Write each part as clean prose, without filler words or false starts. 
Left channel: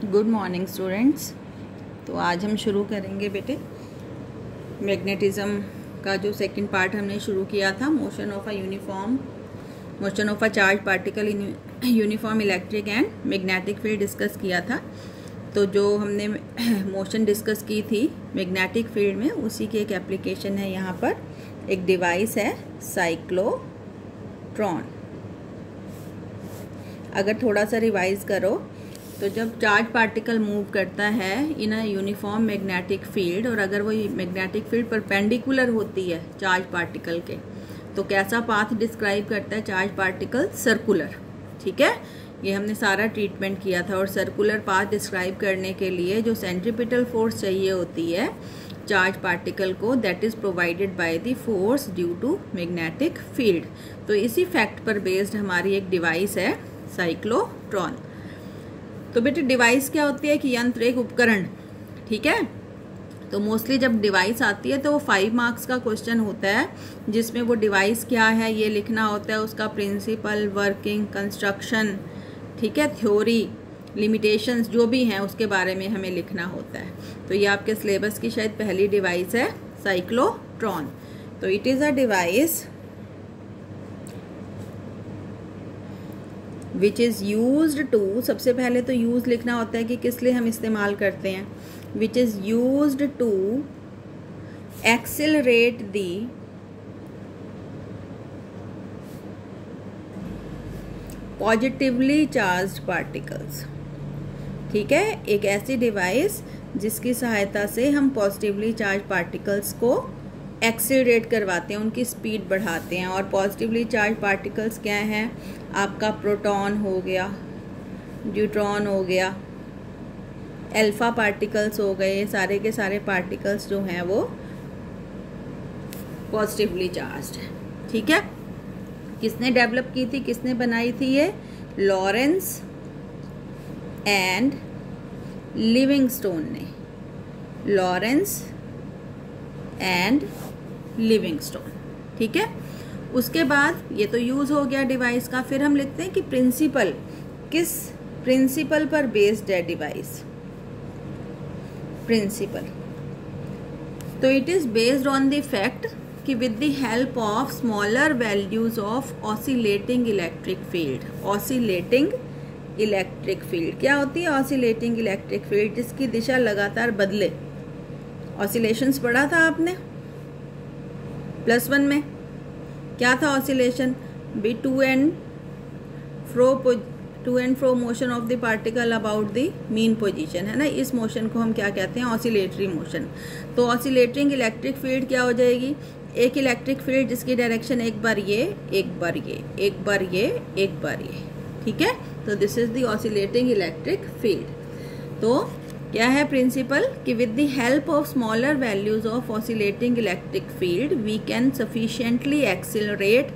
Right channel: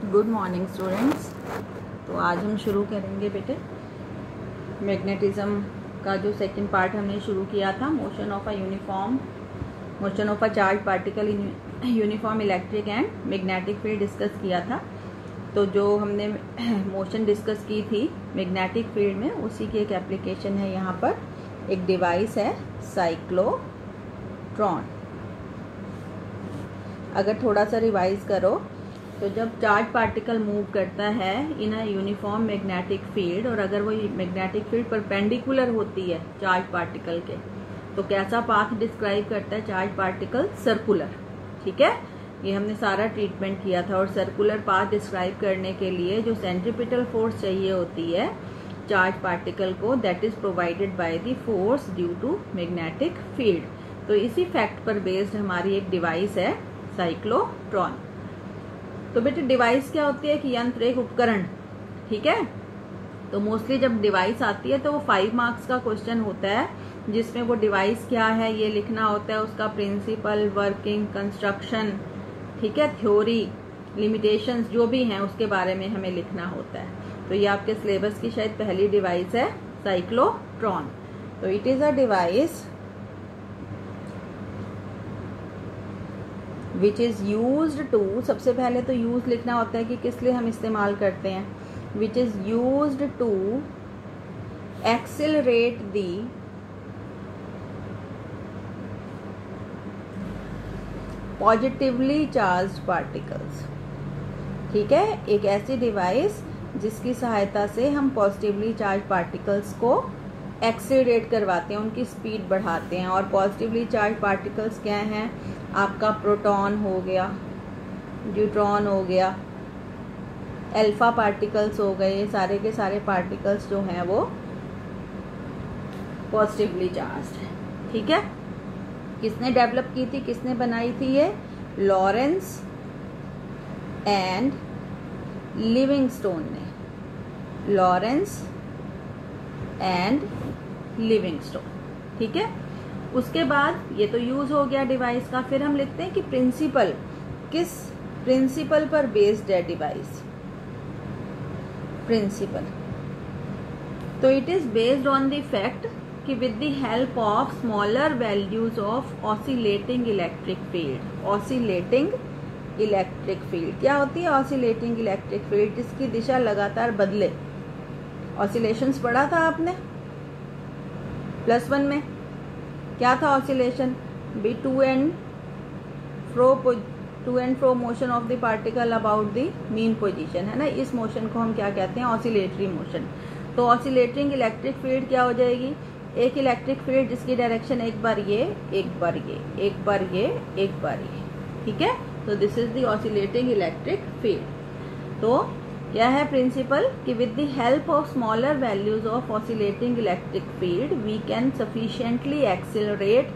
Good morning students. तो आज हम शुरू करेंगे बेटे मैग्नेटिज्म का जो सेकंड पार्ट हमने शुरू किया था, motion of a charge particle in uniform electric and magnetic field discuss किया था। तो जो हमने मोशन डिस्कस की थी मैग्नेटिक फील्ड में, उसी की एक एप्लीकेशन है। यहाँ पर एक डिवाइस है साइक्लोट्रॉन। अगर थोड़ा सा रिवाइज करो तो जब चार्ज पार्टिकल मूव करता है इन अ यूनिफॉर्म मैग्नेटिक फील्ड, और अगर वो मैग्नेटिक फील्ड परपेंडिकुलर होती है चार्ज पार्टिकल के, तो कैसा पाथ डिस्क्राइब करता है चार्ज पार्टिकल? सर्कुलर। ठीक है, ये हमने सारा ट्रीटमेंट किया था। और सर्कुलर पाथ डिस्क्राइब करने के लिए जो सेंट्रीपिटल फोर्स चाहिए होती है चार्ज पार्टिकल को, that is provided by the force due to magnetic field. तो इसी फैक्ट पर बेस्ड हमारी एक डिवाइस है साइक्लोट्रॉन। तो बेटे डिवाइस क्या होती है कि यंत्र, एक उपकरण। ठीक है, तो मोस्टली जब डिवाइस आती है तो वो 5 मार्क्स का क्वेश्चन होता है, जिसमें वो डिवाइस क्या है ये लिखना होता है, उसका प्रिंसिपल, वर्किंग, कंस्ट्रक्शन, ठीक है, थ्योरी, लिमिटेशंस जो भी हैं उसके बारे में हमें लिखना होता है। तो ये आपके सिलेबस की शायद पहली डिवाइस है साइक्लोट्रॉन। तो it is a device which is used to, सबसे पहले तो यूज लिखना होता है कि किस लिए हम इस्तेमाल करते हैं। Which is used to accelerate the positively charged particles. ठीक है, एक ऐसी डिवाइस जिसकी सहायता से हम पॉजिटिवली चार्ज पार्टिकल्स को एक्सेलरेट करवाते हैं, उनकी स्पीड बढ़ाते हैं। और पॉजिटिवली चार्ज पार्टिकल्स क्या हैं? आपका प्रोटॉन हो गया, न्यूट्रॉन हो गया, अल्फा पार्टिकल्स हो गए, सारे के सारे पार्टिकल्स जो हैं वो पॉजिटिवली चार्ज्ड है। ठीक है, किसने डेवलप की थी, किसने बनाई थी ये? लॉरेंस एंड लिविंगस्टोन ने। Lawrence and Livingstone. ठीक है, उसके बाद ये तो यूज हो गया डिवाइस का। फिर हम लिखते हैं कि प्रिंसिपल, किस प्रिंसिपल पर बेस्ड है डिवाइस? प्रिंसिपल, तो it is based on the fact कि with the help of smaller values of oscillating electric field. Oscillating electric field क्या होती है? ऑसिलेटिंग इलेक्ट्रिक फील्ड जिसकी दिशा लगातार बदले। ऑसिलेशंस पढ़ा था आपने +1 में। क्या था oscillation? Be to and fro motion of the particle about the mean position, है ना। इस मोशन को हम क्या कहते हैं? Oscillatory motion. तो ऑसिलेटिंग इलेक्ट्रिक फील्ड क्या हो जाएगी? एक इलेक्ट्रिक फील्ड जिसकी डायरेक्शन एक बार ये, एक बार ये, एक बार ये, एक बार ये। ठीक है, तो this is the oscillating electric field. तो क्या है प्रिंसिपल कि with the help of smaller values of oscillating electric field we can sufficiently accelerate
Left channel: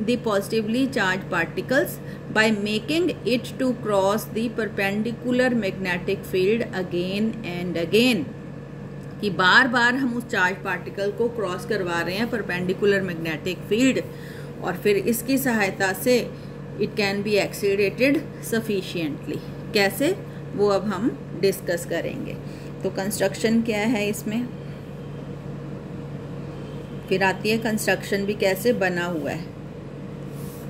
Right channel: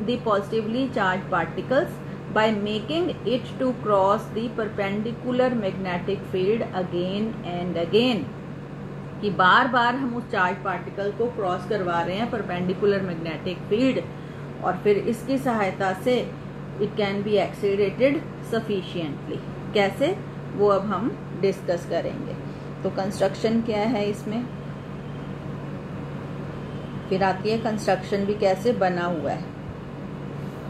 the positively charge particles by making it to cross the perpendicular magnetic field again and again. कि बार बार हम उस charge particle को cross करवा रहे हैं perpendicular magnetic field, और फिर इसकी सहायता से it can be accelerated sufficiently. कैसे, वो अब हम डिस्कस करेंगे। तो कंस्ट्रक्शन क्या है इसमें, फिर आती है कंस्ट्रक्शन भी कैसे बना हुआ है।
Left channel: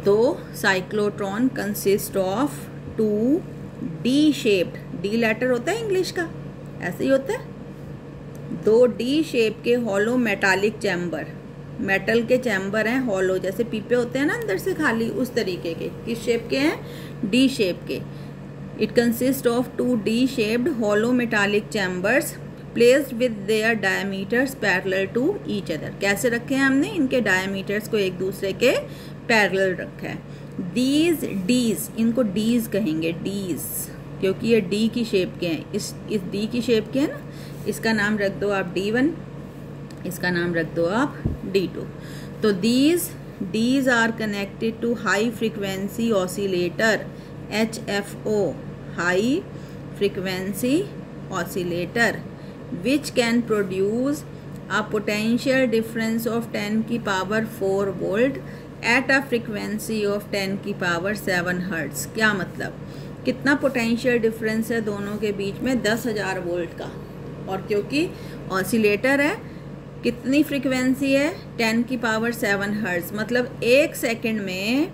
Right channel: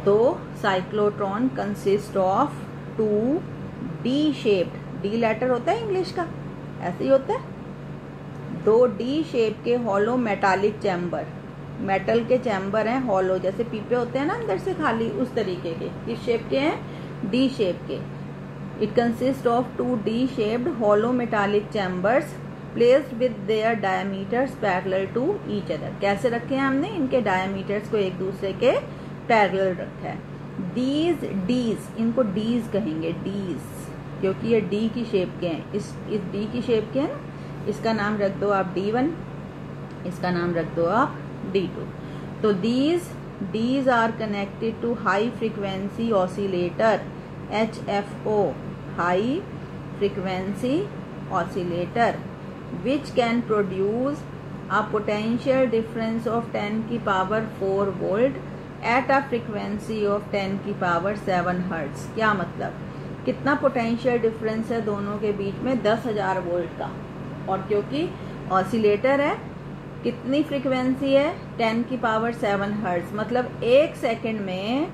तो cyclotron consist of 2 D shaped, D letter होता है इंग्लिश का, ऐसे ही होता है, 2 डी शेप के हॉलो मेटालिक चैम्बर। मेटल के चैम्बर हैं हॉलो, जैसे पीपे होते हैं ना अंदर से खाली, उस तरीके के। किस शेप के हैं? डी शेप के। It consists of 2 D-shaped hollow metallic chambers placed with their diameters parallel to each other। कैसे रखे हैं हमने? इनके diameters को एक दूसरे के parallel रखा है। These D's, इनको D's कहेंगे, D's, क्योंकि ये D की शेप के हैं। इस D की शेप के हैं ना, इसका नाम रख दो आप D1, इसका नाम रख दो आप D2। तो D's are connected to high frequency oscillator HFO, high frequency oscillator, which can produce a potential difference of 10 की power 4 volt at a frequency of 10 की पावर 7 हर्ट्ज। क्या मतलब कितना पोटेंशियल डिफरेंस है दोनों के बीच में? 10,000 वोल्ट का। और क्योंकि ऑसिलेटर है, कितनी फ्रीक्वेंसी है? 10 की पावर 7 हर्ट्ज, मतलब 1 सेकंड में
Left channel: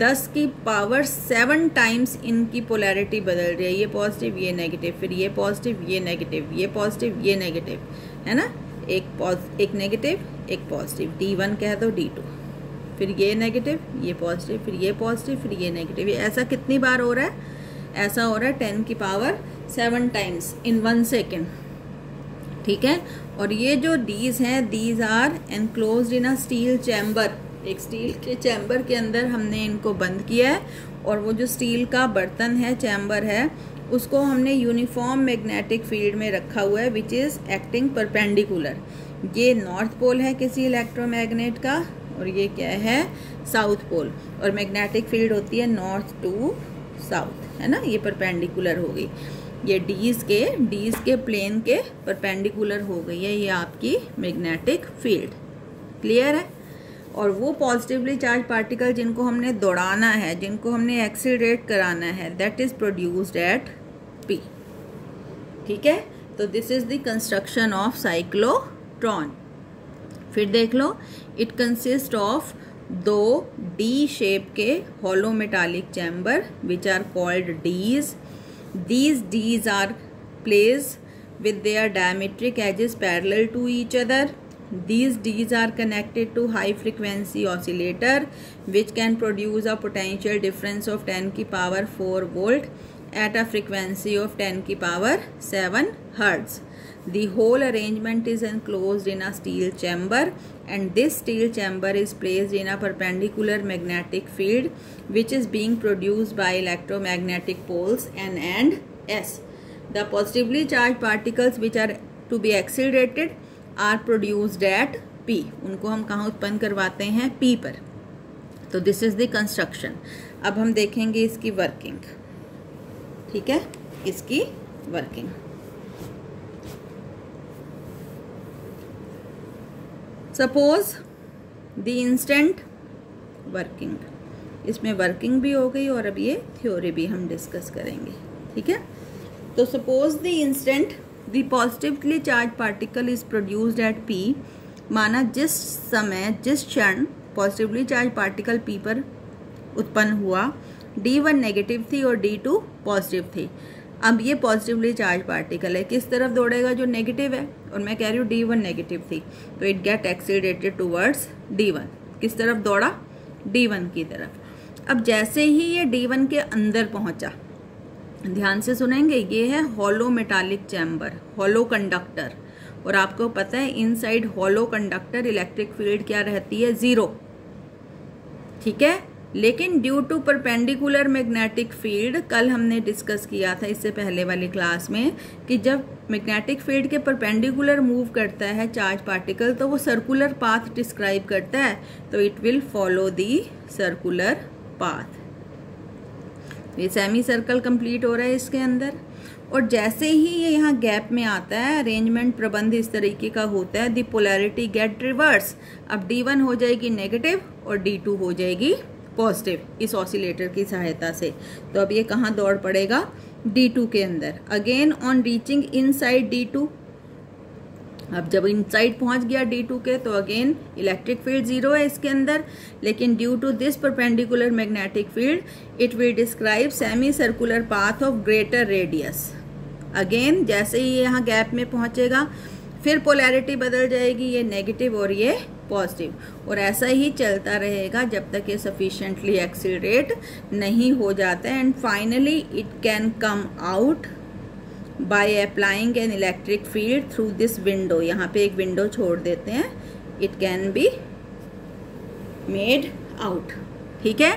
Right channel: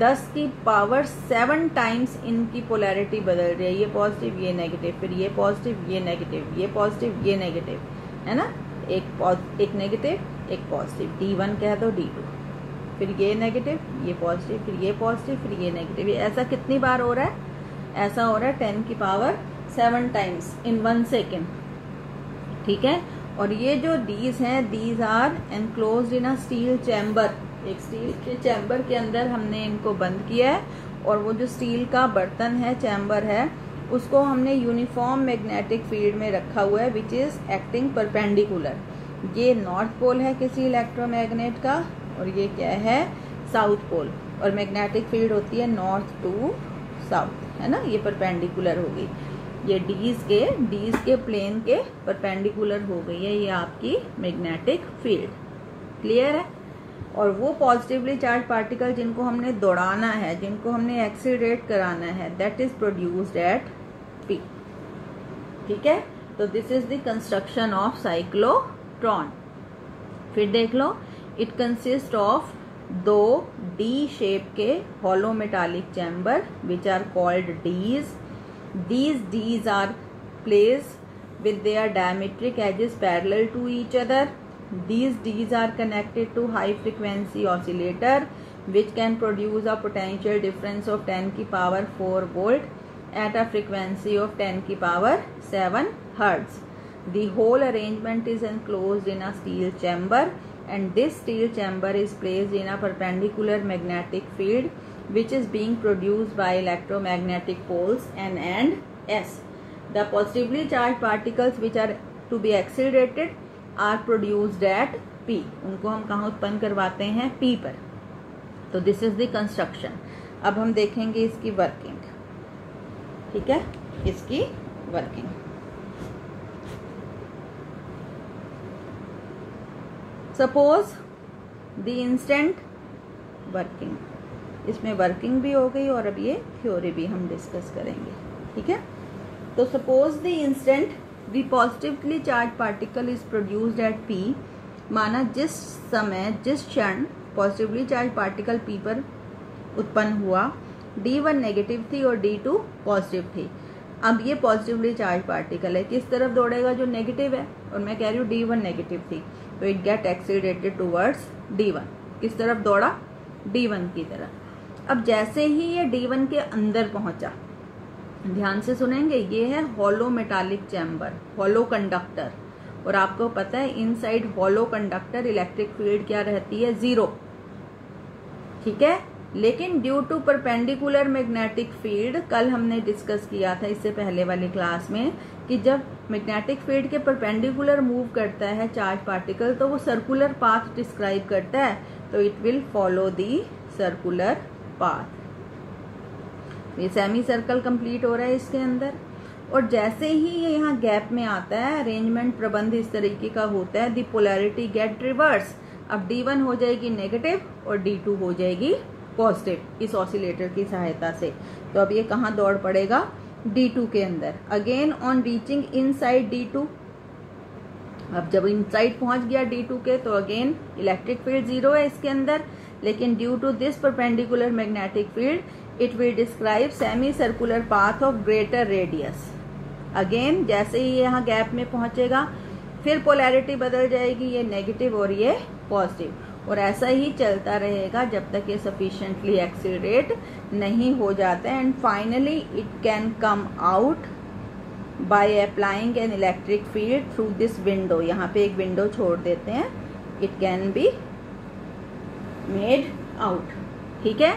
10 की पावर 7 टाइम्स इनकी पोलैरिटी बदल रही है। ये पॉजिटिव, ये नेगेटिव, फिर ये पॉजिटिव, ये नेगेटिव, ये पॉजिटिव, ये नेगेटिव, है ना? एक नेगेटिव, एक पॉजिटिव, D1 कह दो, D2, फिर ये नेगेटिव, ये पॉजिटिव, फिर ये पॉजिटिव, फिर ये नेगेटिव। ये ऐसा कितनी बार हो रहा है? ऐसा हो रहा है 10 की पावर 7 टाइम्स इन 1 सेकेंड, ठीक है। और ये जो डीज हैं, these are enclosed in a steel chamber. एक स्टील के चैम्बर के अंदर हमने इनको बंद किया है, और वो जो स्टील का बर्तन है, चैम्बर है, उसको हमने यूनिफॉर्म मैग्नेटिक फील्ड में रखा हुआ है, विच इज़ एक्टिंग परपेंडिकुलर। ये नॉर्थ पोल है किसी इलेक्ट्रोमैग्नेट का, और ये क्या है? South pole. और मैग्नेटिक फील्ड होती है नॉर्थ टू साउथ, है ना? ये परपेंडिकुलर हो गई, ये डीज के प्लेन के परपेंडिकुलर हो गई है ये आपकी मैग्नेटिक फील्ड। क्लियर है? और वो पॉजिटिवली चार्ज पार्टिकल जिनको हमने दौड़ाना है, जिनको हमने एक्सीलरेट कराना है, that is produced at P। ठीक है, तो this is the construction of cyclotron. फिर देख लो, it consist of 2 D shape के hollow metallic chamber which are called Dees. These Ds are placed with their diametric edges parallel to each other. These Ds are connected to high frequency oscillator which can produce a potential difference of 10 की power 4 volt at a frequency of 10 की power 7 hertz. The whole arrangement is enclosed in a steel chamber, and this steel chamber is placed in a perpendicular magnetic field which is being produced by electromagnetic poles N and S. The positively charged particles which are to be accelerated are produced at P. उनको हम कहाँ उत्पन्न करवाते हैं? P पर। तो this is the construction. अब हम देखेंगे इसकी वर्किंग। ठीक है, इसकी working. Suppose the instant working, इसमें वर्किंग भी हो गई और अब ये थ्योरी भी हम डिस्कस करेंगे। ठीक है, तो suppose the instant the positively charge particle is produced at P। माना जिस समय, जिस क्षण पॉजिटिवली चार्ज पार्टिकल P पर उत्पन्न हुआ, D1 नेगेटिव थी और D2 पॉजिटिव थी। अब ये पॉजिटिवली चार्ज पार्टिकल है, किस तरफ दौड़ेगा? जो नेगेटिव है, और मैं कह रही हूँ D1 नेगेटिव थी, तो it get accelerated towards D1। किस तरफ दौड़ा? D1 की तरफ। अब जैसे ही ये D1 के अंदर पहुंचा, ध्यान से सुनेंगे, ये है hollow metallic chamber, hollow conductor. और आपको पता है inside hollow conductor electric field क्या रहती है? 0। ठीक है, लेकिन due to perpendicular magnetic field, कल हमने डिस्कस किया था इससे पहले वाली क्लास में, कि जब मैग्नेटिक फील्ड के परपेंडिकुलर मूव करता है चार्ज पार्टिकल, तो वो सर्कुलर पाथ डिस्क्राइब करता है, तो it will follow the circular path. ये सेमी सर्कल कंप्लीट हो रहा है इसके अंदर। और जैसे ही ये यहाँ गैप में आता है, अरेंजमेंट प्रबंध इस तरीके का होता है, दी पोलैरिटी गेट रिवर्स। अब D1 हो जाएगी नेगेटिव और D2 हो जाएगी पॉजिटिव इस ऑसिलेटर की सहायता से। तो अब ये कहाँ दौड़ पड़ेगा? D2 के अंदर। Again on reaching inside D2, अब जब इनसाइड पहुंच गया D2 के, तो अगेन इलेक्ट्रिक फील्ड 0 है इसके अंदर, लेकिन due to this perpendicular magnetic field it will describe semi circular path of greater radius. Again जैसे ही यहाँ गैप में पहुंचेगा, फिर पोलैरिटी बदल जाएगी, ये नेगेटिव और ये पॉजिटिव, और ऐसा ही चलता रहेगा जब तक ये सफिशिएंटली एक्सीलरेट नहीं हो जाता है। And finally it can come out by applying an electric field through this window. यहाँ पे एक विंडो छोड़ देते हैं, it can be made out. ठीक है,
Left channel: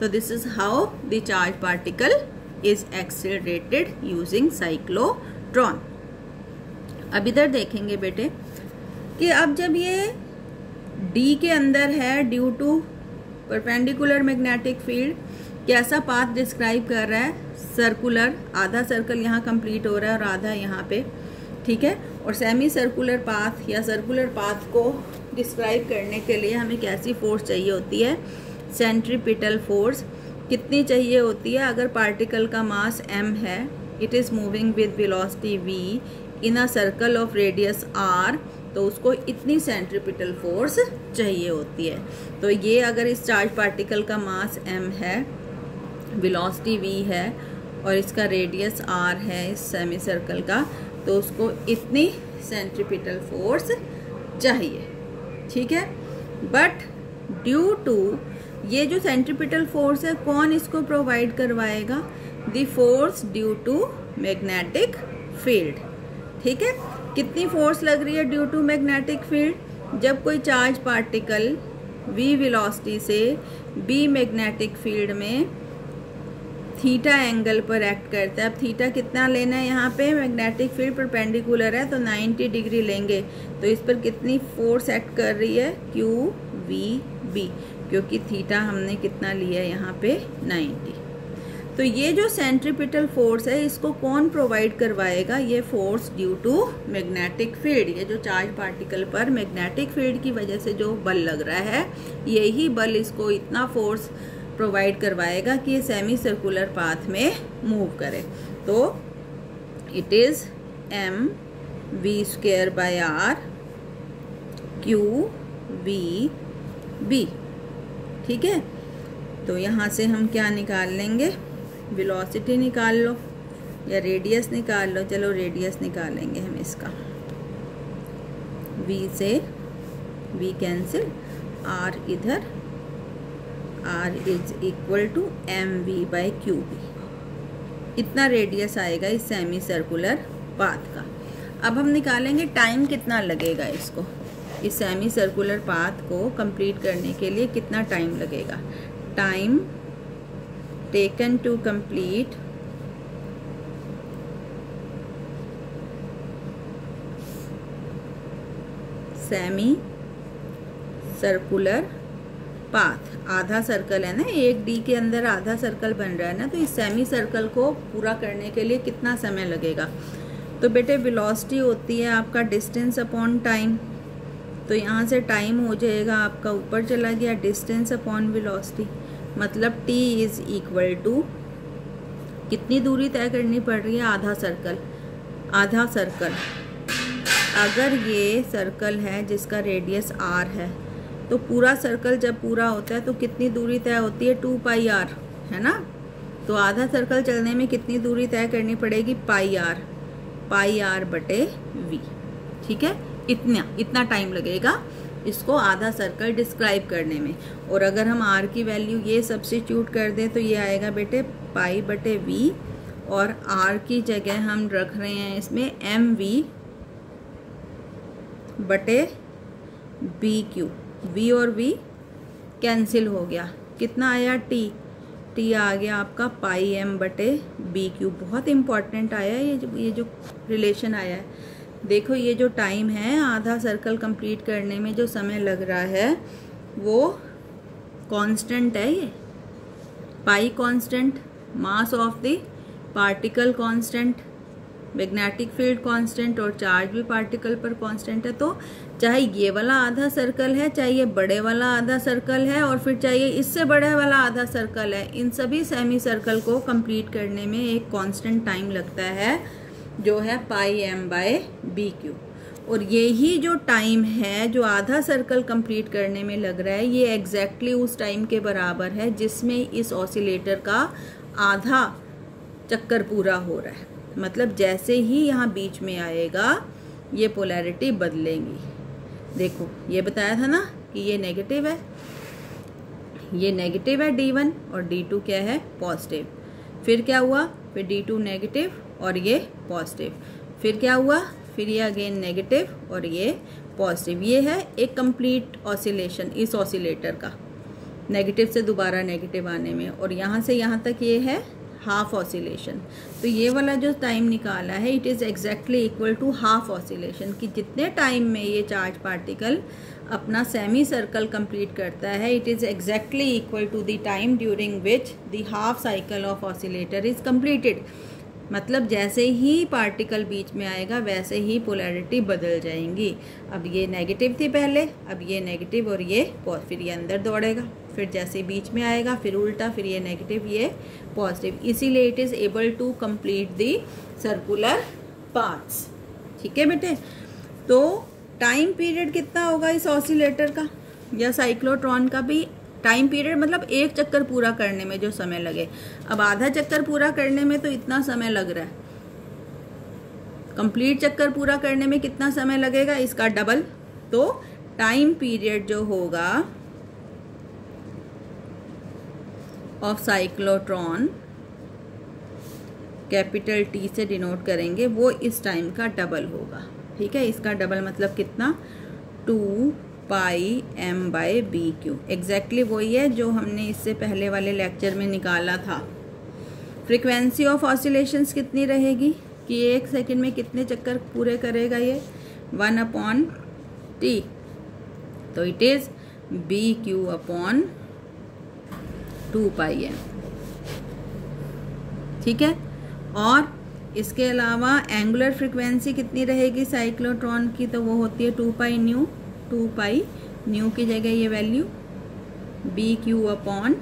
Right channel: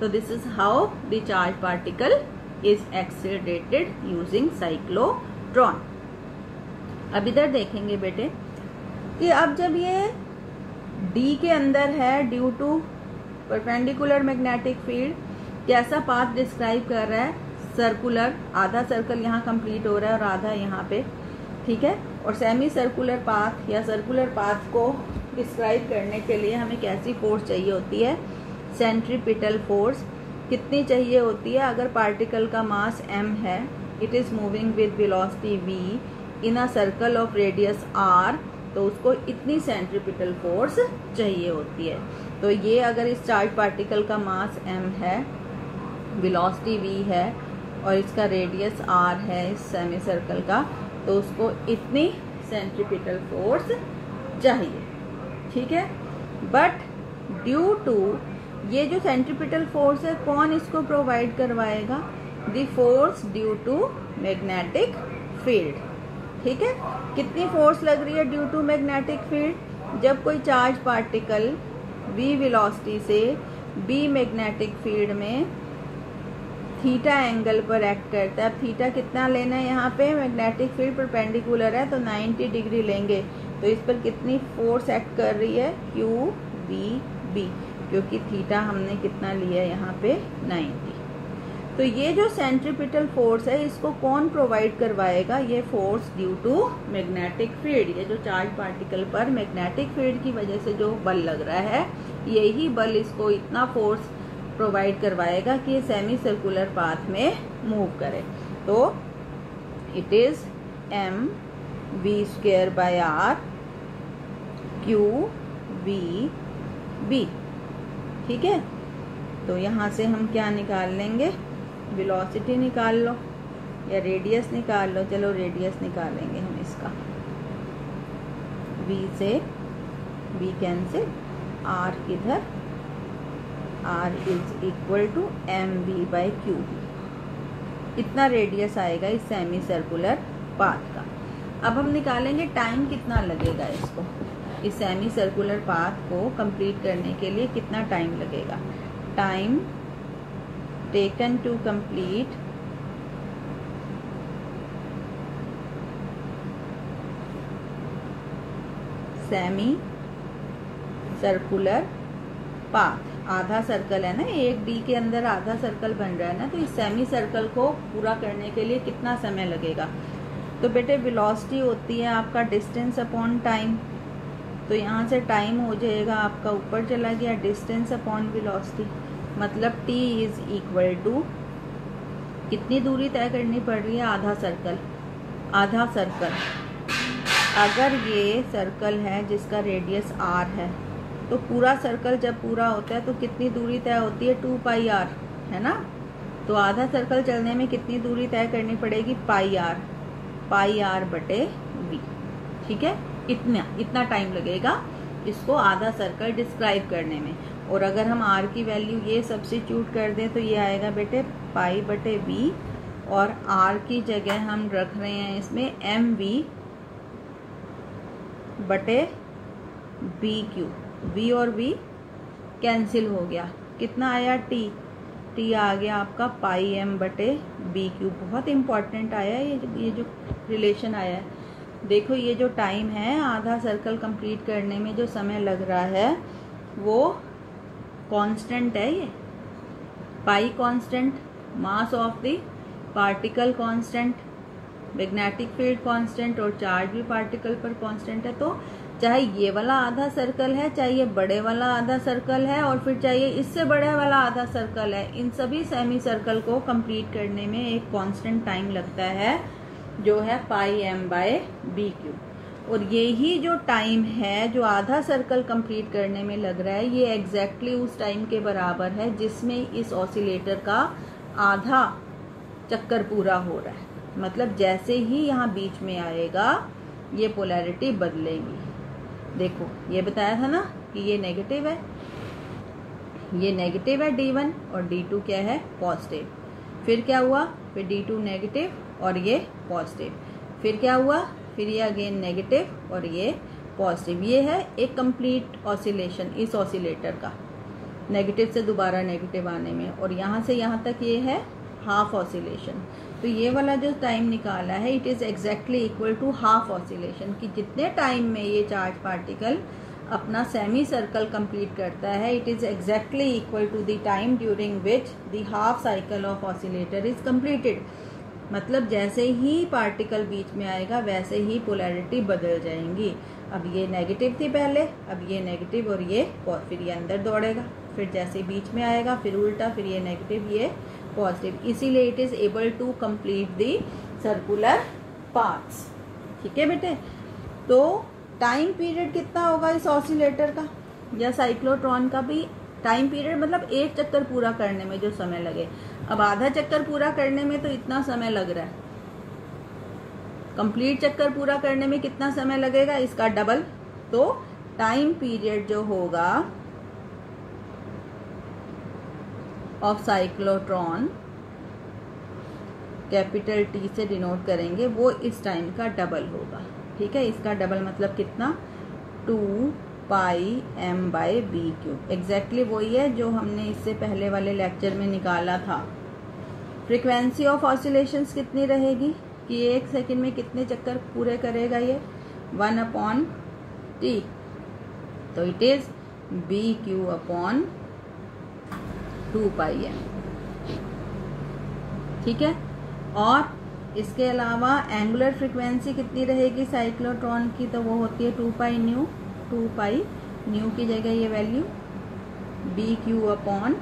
तो this is how the charge particle is accelerated using cyclotron. अब इधर देखेंगे बेटे कि अब जब ये D के अंदर है, due to perpendicular magnetic field, कैसा पाथ डिस्क्राइब कर रहा है? सर्कुलर, आधा सर्कल यहाँ कंप्लीट हो रहा है और आधा यहाँ पे। ठीक है, और सेमी सर्कुलर पाथ या सर्कुलर पाथ को डिस्क्राइब करने के लिए हमें कैसी फोर्स चाहिए होती है? Centripetal force. कितनी चाहिए होती है? अगर पार्टिकल का मास m है, it is moving with velocity v in a circle of radius r, तो उसको इतनी सेंट्रीपिटल फोर्स चाहिए होती है। तो ये अगर इस चार्ज पार्टिकल का मास m है, वेलोसिटी v है और इसका रेडियस r है इस सेमी सर्कल का, तो उसको इतनी सेंट्रीपिटल फोर्स चाहिए। ठीक है, बट ड्यू टू ये जो सेंट्रीपिटल फोर्स है, कौन इसको प्रोवाइड करवाएगा? The force due to magnetic field. ठीक है, कितनी फोर्स लग रही है ड्यू टू मैग्नेटिक फील्ड? जब कोई चार्ज पार्टिकल v वेलोसिटी से b मैग्नेटिक फील्ड में थीटा एंगल पर एक्ट करता है। अब थीटा कितना लेना है यहाँ पे? मैग्नेटिक फील्ड परपेंडिकुलर है तो 90 डिग्री लेंगे, तो इस पर कितनी फोर्स एक्ट कर रही है? QVB, क्योंकि थीटा हमने कितना लिया है यहाँ पे? 90। तो ये जो सेंट्रीपिटल फोर्स है, इसको कौन प्रोवाइड करवाएगा? ये force due to magnetic field. ये जो चार्ज पार्टिकल पर मैग्नेटिक फील्ड की वजह से जो बल लग रहा है, यही बल इसको इतना फोर्स प्रोवाइड करवाएगा कि ये सेमी सर्कुलर पाथ में मूव करे। तो इट इज mv²/r QVB। ठीक है, तो यहाँ से हम क्या निकाल लेंगे? वेलोसिटी निकाल लो या रेडियस निकाल लो। चलो रेडियस निकालेंगे हम इसका। v से v कैंसिल, r इधर, r is equal to mv/qb। इतना रेडियस आएगा इस सेमी सर्कुलर पाथ का। अब हम निकालेंगे टाइम कितना लगेगा इसको, इस सेमी सर्कुलर पाथ को कंप्लीट करने के लिए कितना टाइम लगेगा। Time taken to complete semi circular path. आधा सर्कल है ना, एक डी के अंदर आधा सर्कल बन रहा है ना, तो इस सेमी सर्कल को पूरा करने के लिए कितना समय लगेगा? तो बेटे वेलोसिटी होती है आपका डिस्टेंस अपॉन टाइम, तो यहाँ से टाइम हो जाएगा आपका ऊपर चला गया डिस्टेंस अपॉन वेलोसिटी, मतलब t इज इक्वल टू कितनी दूरी तय करनी पड़ रही है? आधा सर्कल। आधा सर्कल, अगर ये सर्कल है जिसका रेडियस r है, तो पूरा सर्कल जब पूरा होता है तो कितनी दूरी तय होती है? 2πr, है ना। तो आधा सर्कल चलने में कितनी दूरी तय करनी पड़ेगी? πr/v। ठीक है, इतना टाइम लगेगा इसको आधा सर्कल डिस्क्राइब करने में। और अगर हम r की वैल्यू ये सब्स्टिट्यूट कर दें तो ये आएगा बेटे π/v, और r की जगह हम रख रहे हैं इसमें mv/bq। v और v कैंसिल हो गया, कितना आया? t आ गया आपका πm/bq। बहुत इम्पॉर्टेंट आया ये जो रिलेशन आया है। देखो ये जो टाइम है आधा सर्कल कंप्लीट करने में जो समय लग रहा है वो कांस्टेंट है। ये पाई constant, mass of the particle constant, magnetic field constant और चार्ज भी पार्टिकल पर कांस्टेंट है। तो चाहे ये वाला आधा सर्कल है, चाहे ये बड़े वाला आधा सर्कल है, और फिर चाहिए इससे बड़े वाला आधा सर्कल है, इन सभी सेमी सर्कल को कंप्लीट करने में एक कांस्टेंट टाइम लगता है जो है πm/bq। और यही जो टाइम है जो आधा सर्कल कंप्लीट करने में लग रहा है, ये एग्जैक्टली उस टाइम के बराबर है जिसमें इस ऑसिलेटर का आधा चक्कर पूरा हो रहा है। मतलब जैसे ही यहाँ बीच में आएगा ये पोलैरिटी बदलेगी। देखो ये बताया था ना कि ये नेगेटिव है, ये नेगेटिव है D1 और D2 क्या है? पॉजिटिव। फिर क्या हुआ? फिर D2 नेगेटिव और ये पॉजिटिव। फिर क्या हुआ? फिर ये अगेन नेगेटिव और ये पॉजिटिव। ये है एक कंप्लीट ऑसिलेशन इस ऑसिलेटर का, नेगेटिव से दोबारा नेगेटिव आने में, और यहाँ से यहाँ तक ये है हाफ ऑसिलेशन। तो ये वाला जो टाइम निकाला है it is exactly equal to half oscillation, कि जितने टाइम में ये चार्ज पार्टिकल अपना सेमी सर्कल कंप्लीट करता है, it is exactly equal to the time during which the half cycle of oscillator is completed. मतलब जैसे ही पार्टिकल बीच में आएगा वैसे ही पोलैरिटी बदल जाएंगी। अब ये नेगेटिव थी पहले, अब ये नेगेटिव और ये फिर ये अंदर दौड़ेगा, फिर जैसे बीच में आएगा, फिर उल्टा, फिर ये नेगेटिव, ये पॉजिटिव, इसीलिए it is able to complete the circular paths. ठीक है बेटे, तो टाइम पीरियड कितना होगा इस ऑसिलेटर का या साइक्लोट्रॉन का भी? टाइम पीरियड मतलब एक चक्कर पूरा करने में जो समय लगे। अब आधा चक्कर पूरा करने में तो इतना समय लग रहा है, कंप्लीट चक्कर पूरा करने में कितना समय लगेगा? इसका डबल। तो टाइम पीरियड जो होगा ऑफ साइक्लोट्रॉन, कैपिटल टी से डिनोट करेंगे, वो इस टाइम का डबल होगा। ठीक है, इसका डबल मतलब कितना? 2 pi m by B Q. Exactly वही है जो हमने इससे पहले वाले लेक्चर में निकाला था। फ्रीक्वेंसी ऑफ ऑसिलेशंस कितनी रहेगी कि एक सेकंड में कितने चक्कर पूरे करेगा ये? 1/t। तो it is B Q upon 2 pi m। ठीक है, और इसके अलावा एंगुलर फ्रीक्वेंसी कितनी रहेगी साइक्लोट्रॉन की? तो वो होती है 2 पाई न्यू। 2 पाई न्यू की जगह ये value B Q upon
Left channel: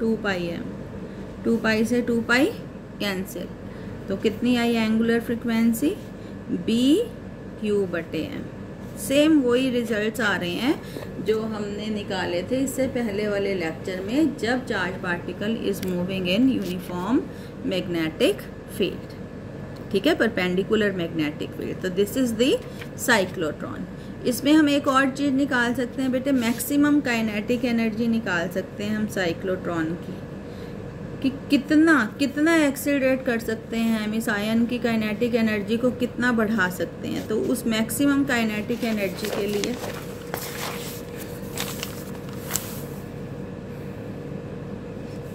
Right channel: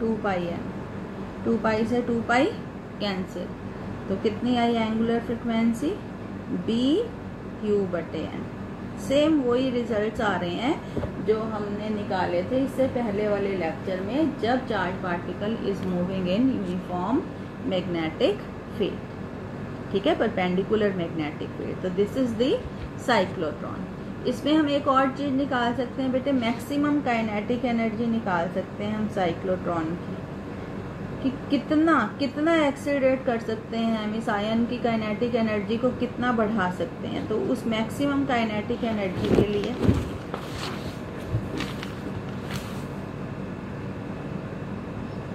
2 pi m। 2 पाई से 2 पाई कैंसिल, तो कितनी आई एंगुलर फ्रीक्वेंसी? बी क्यू बटे m। सेम वही रिजल्ट्स आ रहे हैं जो हमने निकाले थे इससे पहले वाले लेक्चर में, जब charge particle is moving in uniform magnetic field. ठीक है, परपेंडिकुलर मैग्नेटिक फील्ड। तो दिस इज द साइक्लोट्रॉन। इसमें हम एक और चीज निकाल सकते हैं बेटे, मैक्सिमम काइनेटिक एनर्जी निकाल सकते हैं हम साइक्लोट्रॉन की, कि कितना एक्सीलरेट कर सकते हैं हम इस आयन की काइनेटिक एनर्जी को, कितना बढ़ा सकते हैं। तो उस मैक्सिमम काइनेटिक एनर्जी के लिए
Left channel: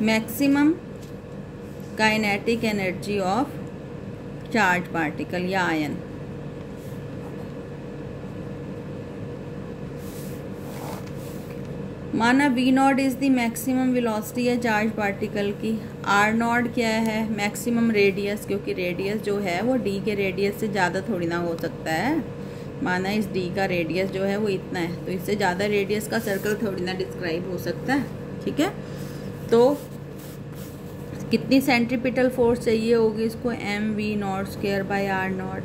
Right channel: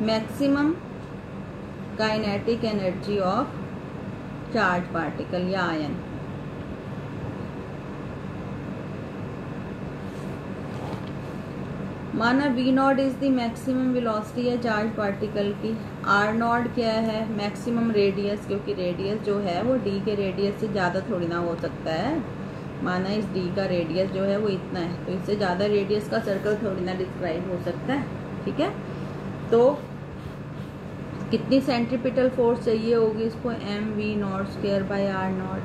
maximum kinetic energy of charge particle या आयन, माना V not is the maximum velocity है चार्ज पार्टिकल की। R नॉट क्या है? मैक्सिमम रेडियस, क्योंकि रेडियस जो है वो D के रेडियस से ज़्यादा थोड़ी ना हो सकता है। माना इस D का रेडियस जो है वो इतना है, तो इससे ज़्यादा रेडियस का सर्कल थोड़ी ना डिस्क्राइब हो सकता है। ठीक है, तो कितनी सेंट्रीपिटल फोर्स चाहिए होगी इसको? mv not square by r not,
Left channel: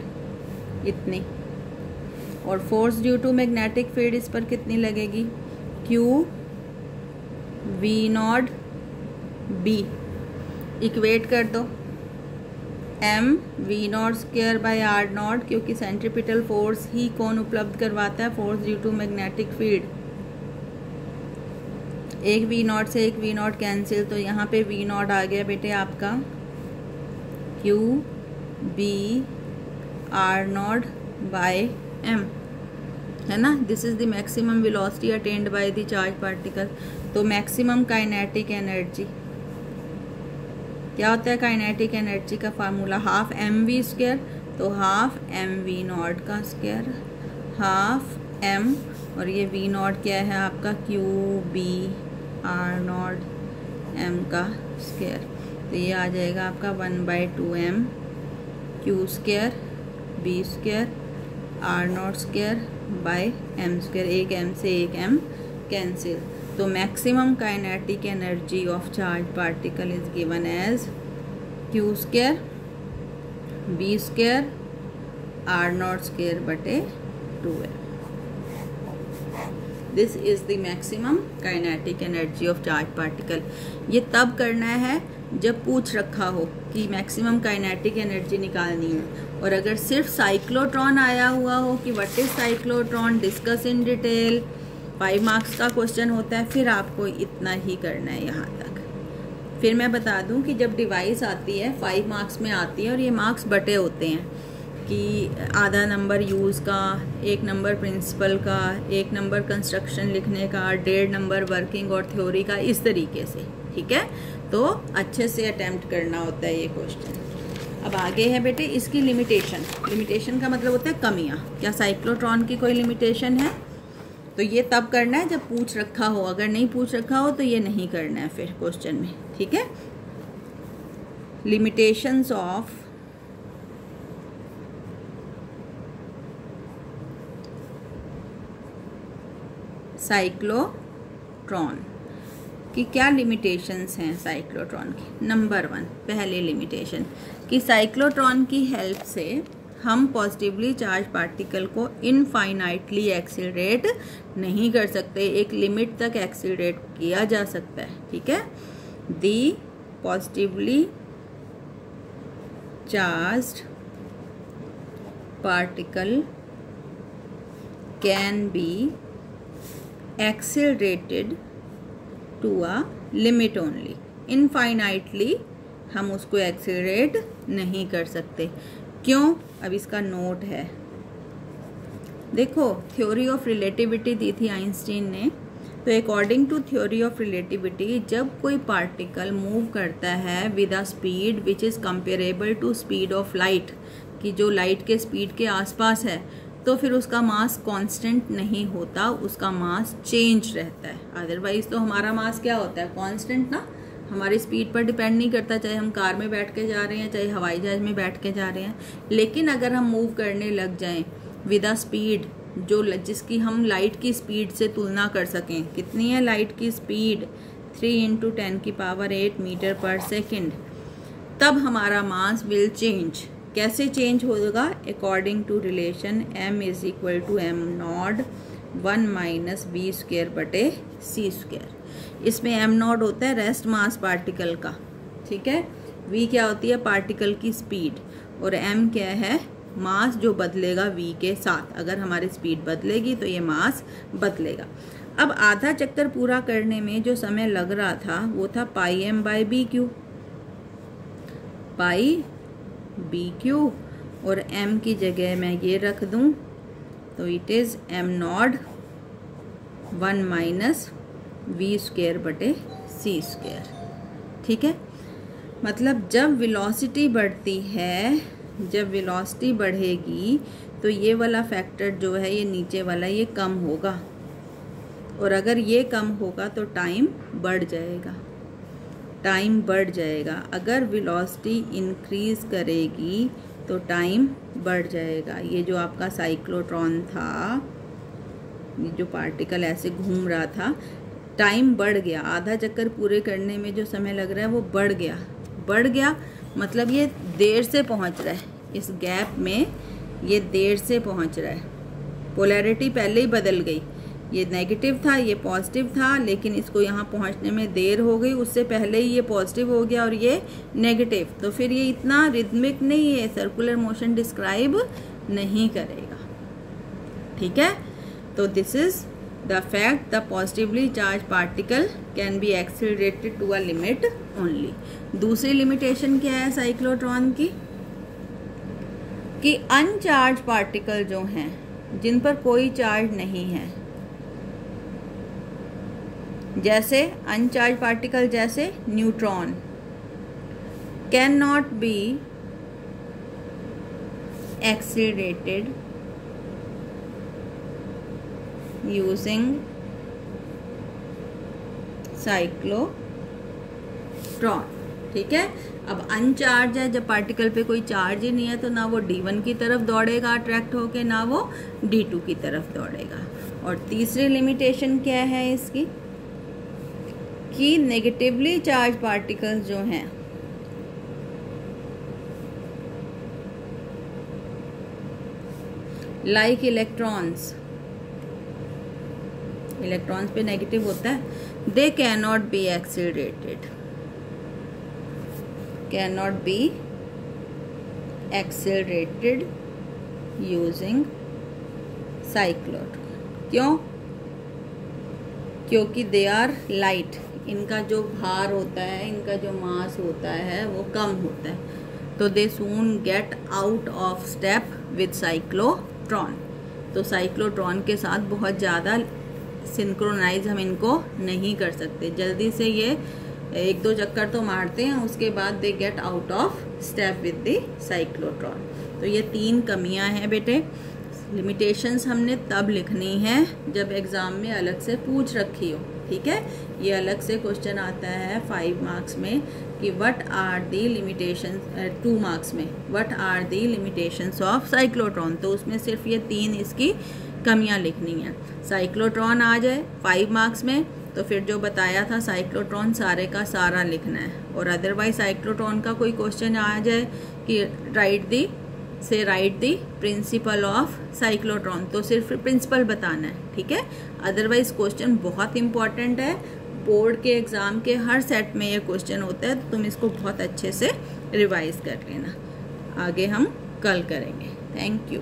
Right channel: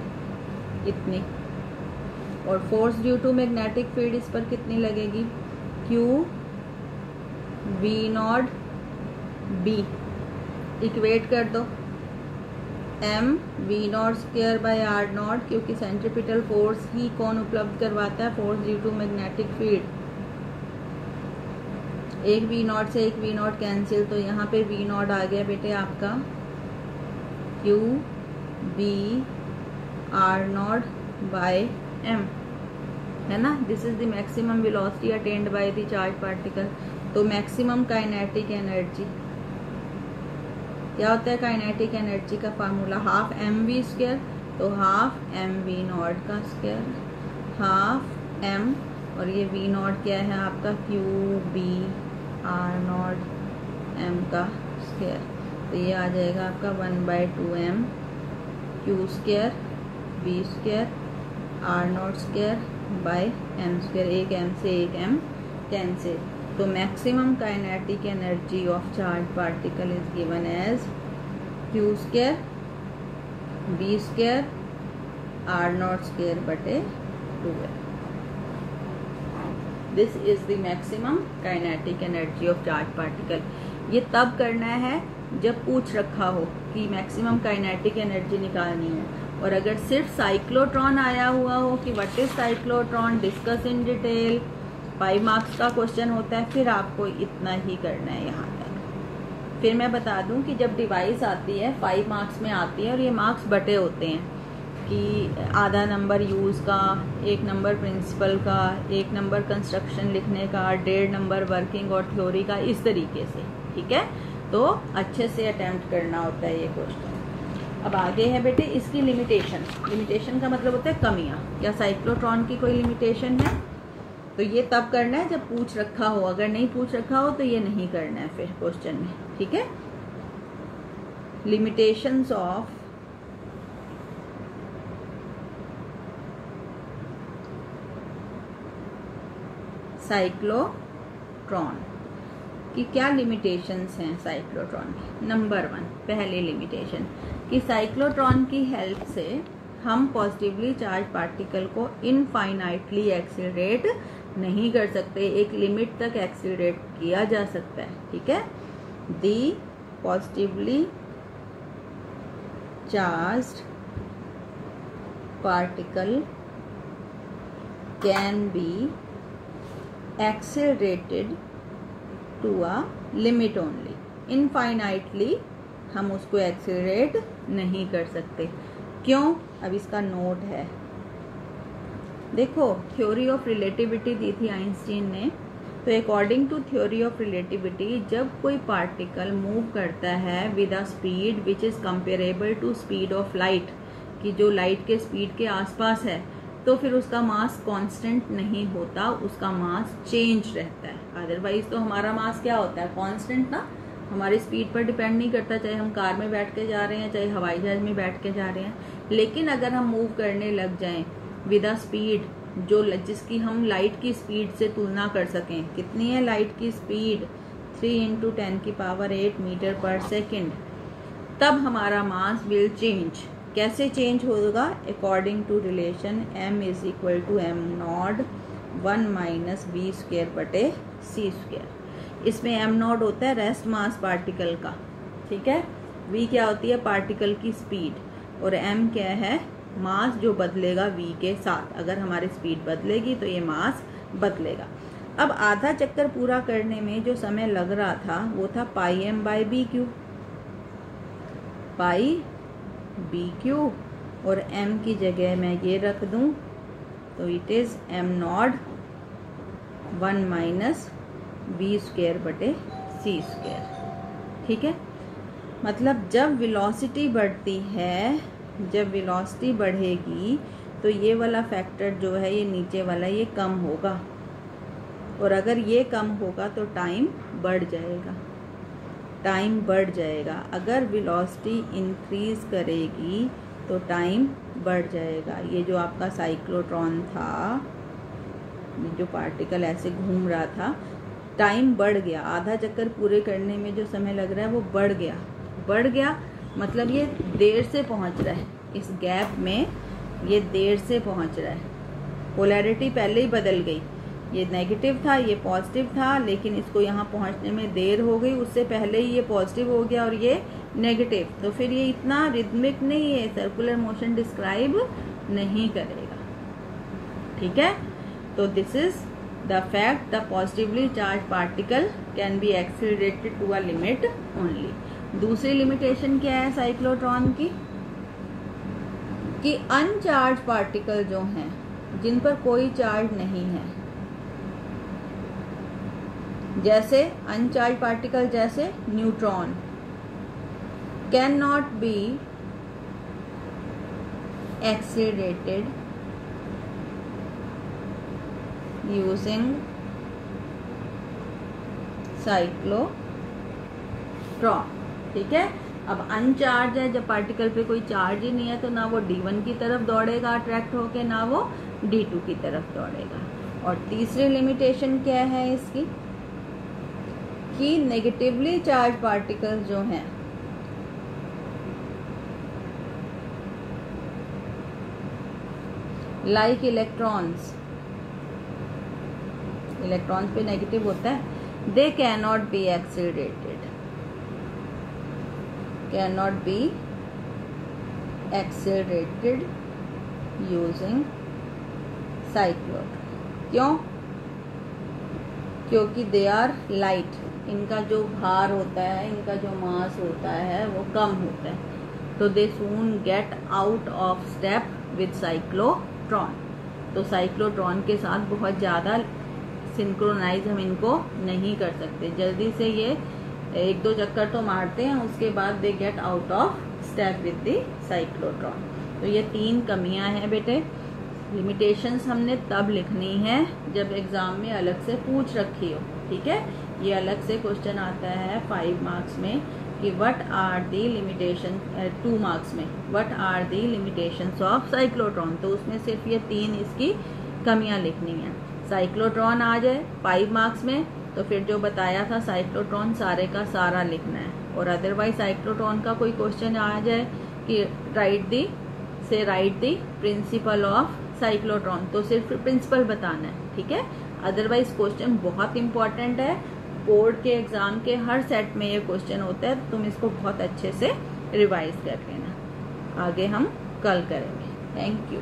इतनी। और force due to magnetic field इस पर कितनी लगेगी? q v not b। Equate कर दो, m v not square by r not, क्योंकि सेंट्रीपिटल फोर्स ही कौन उपलब्ध करवाता है? Force due to magnetic field. एक v नॉट से एक v नॉट कैंसिल, तो यहाँ पे v नॉट आ गया बेटे आपका q b r not by m, है ना। This is the maximum velocity attained by the charge particle. तो मैक्सिमम काइनेटिक एनर्जी क्या होता है? काइनेटिक एनर्जी का फार्मूला हाफ mv स्क्वायर, तो हाफ mv नॉट का स्क्वायर, हाफ m, और ये v नॉट क्या है आपका? q b r not m का स्क्वायर। तो ये आ जाएगा आपका 1/2m q square b square r not square by m square. एक m से एक m कैंसिल। तो maximum kinetic energy of charge particle is given as q square b square r not square बटे 2m। This is the maximum kinetic energy of charge particle. ये तब करना है जब पूछ रखा हो कि मैक्सिमम काइनेटिक एनर्जी निकालनी है, और अगर सिर्फ साइक्लोट्रॉन आया हुआ हो कि what is cyclotron, discuss in detail, 5 marks का क्वेश्चन होता है, फिर आपको इतना ही करना है यहाँ तक। फिर मैं बता दूं कि जब डिवाइस आती है 5 मार्क्स में आती है, और ये मार्क्स बटे होते हैं कि आधा नंबर यूज़ का, 1 नंबर प्रिंसिपल का, 1 नंबर कंस्ट्रक्शन लिखने का, 1.5 नंबर वर्किंग और थ्योरी का, इस तरीके से। ठीक है, तो अच्छे से अटेम्प्ट करना होता है ये क्वेश्चन। अब आगे है बेटे इसकी लिमिटेशन। लिमिटेशन का मतलब होता है कमियां। क्या साइक्लोट्रॉन की कोई लिमिटेशन है? तो ये तब करना है जब पूछ रखा हो, अगर नहीं पूछ रखा हो तो ये नहीं करना है फिर क्वेश्चन में। ठीक है, लिमिटेशंस ऑफ साइक्लोट्रॉन। कि क्या लिमिटेशंस हैं साइक्लोट्रॉन की। नंबर 1 पहली लिमिटेशन कि साइक्लोट्रॉन की हेल्प से हम पॉजिटिवली चार्ज पार्टिकल को इनफाइनाइटली एक्सीलरेट नहीं कर सकते, एक लिमिट तक एक्सीलरेट किया जा सकता है, ठीक है। The positively charged particle can be accelerated to a limit only, infinitely हम उसको एक्सीलरेट नहीं कर सकते। क्यों? अब इसका नोट है, देखो थ्योरी ऑफ रिलेटिविटी दी थी आइंस्टीन ने, तो according to theory of relativity जब कोई पार्टिकल मूव करता है with a speed which is comparable to speed of light, कि जो लाइट के स्पीड के आसपास है, तो फिर उसका मास कांस्टेंट नहीं होता, उसका मास चेंज रहता है। अदरवाइज तो हमारा मास क्या होता है, कांस्टेंट ना, हमारी स्पीड पर डिपेंड नहीं करता, चाहे हम कार में बैठ के जा रहे हैं चाहे हवाई जहाज में बैठ के जा रहे हैं। लेकिन अगर हम मूव करने लग जाएं विद अ स्पीड जो जिसकी हम लाइट की स्पीड से तुलना कर सकें, कितनी है लाइट की स्पीड, 3 × 10⁸ मीटर पर सेकेंड, तब हमारा मास विल चेंज। कैसे चेंज होगा? According to relation m = m0 1 - v²/c²। इसमें m0 होता है रेस्ट मास पार्टिकल का, ठीक है। v क्या होती है? पार्टिकल की स्पीड, और m क्या है? मास जो बदलेगा v के साथ। अगर हमारी स्पीड बदलेगी तो ये मास बदलेगा। अब आधा चक्कर पूरा करने में जो समय लग रहा था वो था πm/bq, πbq, और m की जगह मैं ये रख दूं तो इट इज m0 1 - v²/c², ठीक है। मतलब जब वेलोसिटी बढ़ती है, जब वेलोसिटी बढ़ेगी तो ये वाला फैक्टर जो है, ये नीचे वाला, ये कम होगा, और अगर ये कम होगा तो टाइम बढ़ जाएगा, टाइम बढ़ जाएगा। अगर वेलोसिटी इंक्रीज करेगी तो टाइम बढ़ जाएगा। ये जो आपका साइक्लोट्रॉन था, ये जो पार्टिकल ऐसे घूम रहा था, टाइम बढ़ गया, आधा चक्कर पूरे करने में जो समय लग रहा है वो बढ़ गया। बढ़ गया मतलब ये देर से पहुंच रहा है, इस गैप में ये देर से पहुंच रहा है। पोलैरिटी पहले ही बदल गई, ये नेगेटिव था ये पॉजिटिव था, लेकिन इसको यहाँ पहुँचने में देर हो गई, उससे पहले ही ये पॉजिटिव हो गया और ये नेगेटिव। तो फिर ये इतना रिदमिक नहीं है, सर्कुलर मोशन डिस्क्राइब नहीं करेगा, ठीक है। तो this is the fact the positively charge particle can be accelerated to a limit only. दूसरी लिमिटेशन क्या है साइक्लोट्रॉन की, कि अनचार्ज पार्टिकल जो हैं, जिन पर कोई चार्ज नहीं है, जैसे अनचार्ज पार्टिकल जैसे neutron, can not be accelerated using cyclotron, ठीक है। अब अनचार्ज है, जब पार्टिकल पे कोई चार्ज ही नहीं है तो ना वो D1 की तरफ दौड़ेगा अट्रैक्ट होके, ना वो D2 की तरफ दौड़ेगा। और तीसरी लिमिटेशन क्या है इसकी, कि नेगेटिवली चार्ज पार्टिकल्स जो हैं, लाइक इलेक्ट्रॉन्स, इलेक्ट्रॉन्स पे नेगेटिव होता है, they can not be accelerated, cannot be accelerated using cyclotron। क्यों? क्योंकि they are light, इनका जो भार होता है, इनका जो मास होता है वो कम होता है, तो they soon get out of step with cyclotron। तो साइक्लोट्रॉन के साथ बहुत ज़्यादा सिंक्रोनाइज हम इनको नहीं कर सकते, जल्दी से ये 1-2 चक्कर तो मारते हैं, उसके बाद they get out of step with the cyclotron. तो ये 3 कमियां हैं बेटे। लिमिटेशंस हमने तब लिखनी है जब एग्ज़ाम में अलग से पूछ रखी हो, ठीक है। ये अलग से क्वेश्चन आता है 5 मार्क्स में कि what are the limitation, 2 marks में what are the limitations of cyclotron, तो उसमें सिर्फ ये 3 इसकी कमियां लिखनी हैं। साइक्लोट्रॉन आ जाए 5 मार्क्स में, तो फिर जो बताया था साइक्लोट्रॉन सारे का सारा लिखना है, और अदरवाइज साइक्लोट्रॉन का कोई क्वेश्चन आ जाए कि right the principle of cyclotron, तो सिर्फ प्रिंसिपल बताना है, ठीक है। अदरवाइज क्वेश्चन बहुत इंपॉर्टेंट है, बोर्ड के एग्जाम के हर सेट में ये क्वेश्चन होता है, तो तुम इसको बहुत अच्छे से रिवाइज कर लेना। आगे हम कल करेंगे। Thank you.